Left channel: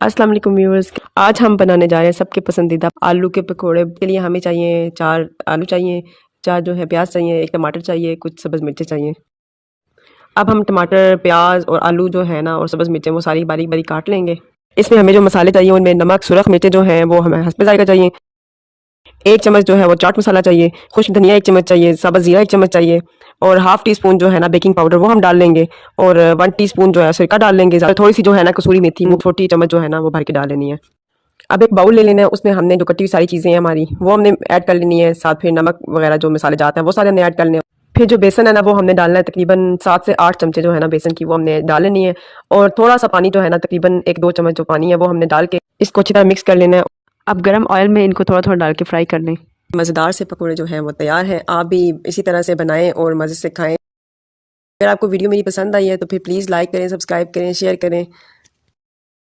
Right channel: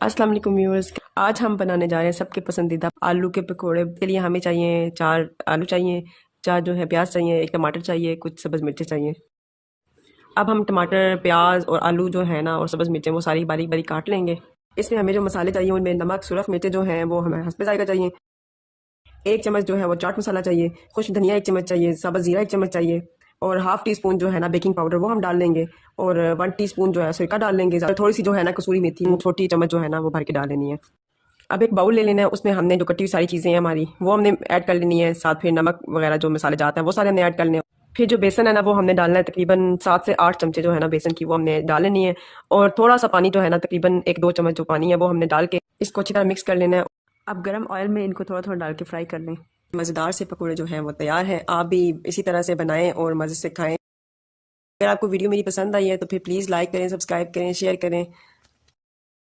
अस्सलाम वालेकुम व्यूअर्स। आज हम बनाने जा रहे हैं सबके पसंदीदा आलू के पकोड़े। के लिए हमें चाहिए 4 आलू चाहिए, 4 जो है प्याज चाहिए, 1 टमाटर चाहिए, कुछ सब्ज़ मिर्चें चाहिए। अब हम टमाटर, प्याज और आलू जो है ना और सब्ज़ मिर्चें वो सारी बारीक बारीक काट लेंगे। इसमें हमें जो मसाले चाहिए उनमें नमक, सुरख मिर्चें जो हैं वो हमें हस्बे ज़ायक़ा चाहिए। 1 चम्मच जो है वो चाट मसाला चाहिए, खुश्क धनिया 1 चम्मच चाहिए, साबुत ज़ीरा 1 चम्मच चाहिए और हाफ़ टी स्पून जो है ना बेकिंग पाउडर वो हम डाल लेंगे और 1 टीस्पून जो है सिरका डाल लेंगे। थोड़ी-सी जो है ना कसूरी मेथी वो छोटी चम्मच जो है ना वो भर के डाल लेनी है। अब एक बाउल ले लेना है, उसमें हमने जो कटी हुई सारी चीज़ें हैं हमारी वो हमने ऐड कर लेनी है, साथ फिर नमक वगैरह जो मसाले जाते हैं वो सारे हमने ऐड कर लेने हैं। फिर जो बेसन है ना वो हमने डालना है, तकरीबन 7 से 8 चमचे जो है ना बेसन की वो हमने डाल लेनी है और थोड़ा-सा पानी जो है ना तकरीबन 1-2 चम्मच जो पानी है वो हमने डाल के इसको अच्छी तरह मिक्स कर लेना है। अब गरम ऑयल में इनको थोड़ा-थोड़ा डाल के फ्राई कर लें। मज़ेदार से पकौड़े जो हैं वो तैयार हैं। आप भी इसी तरह से बनाएँ और मज़े से खाएँ। अगर आपको वीडियो मेरी पसंद आई है तो फिर प्लीज़ लाइक करें, सब्सक्राइब करें, शेयर करें।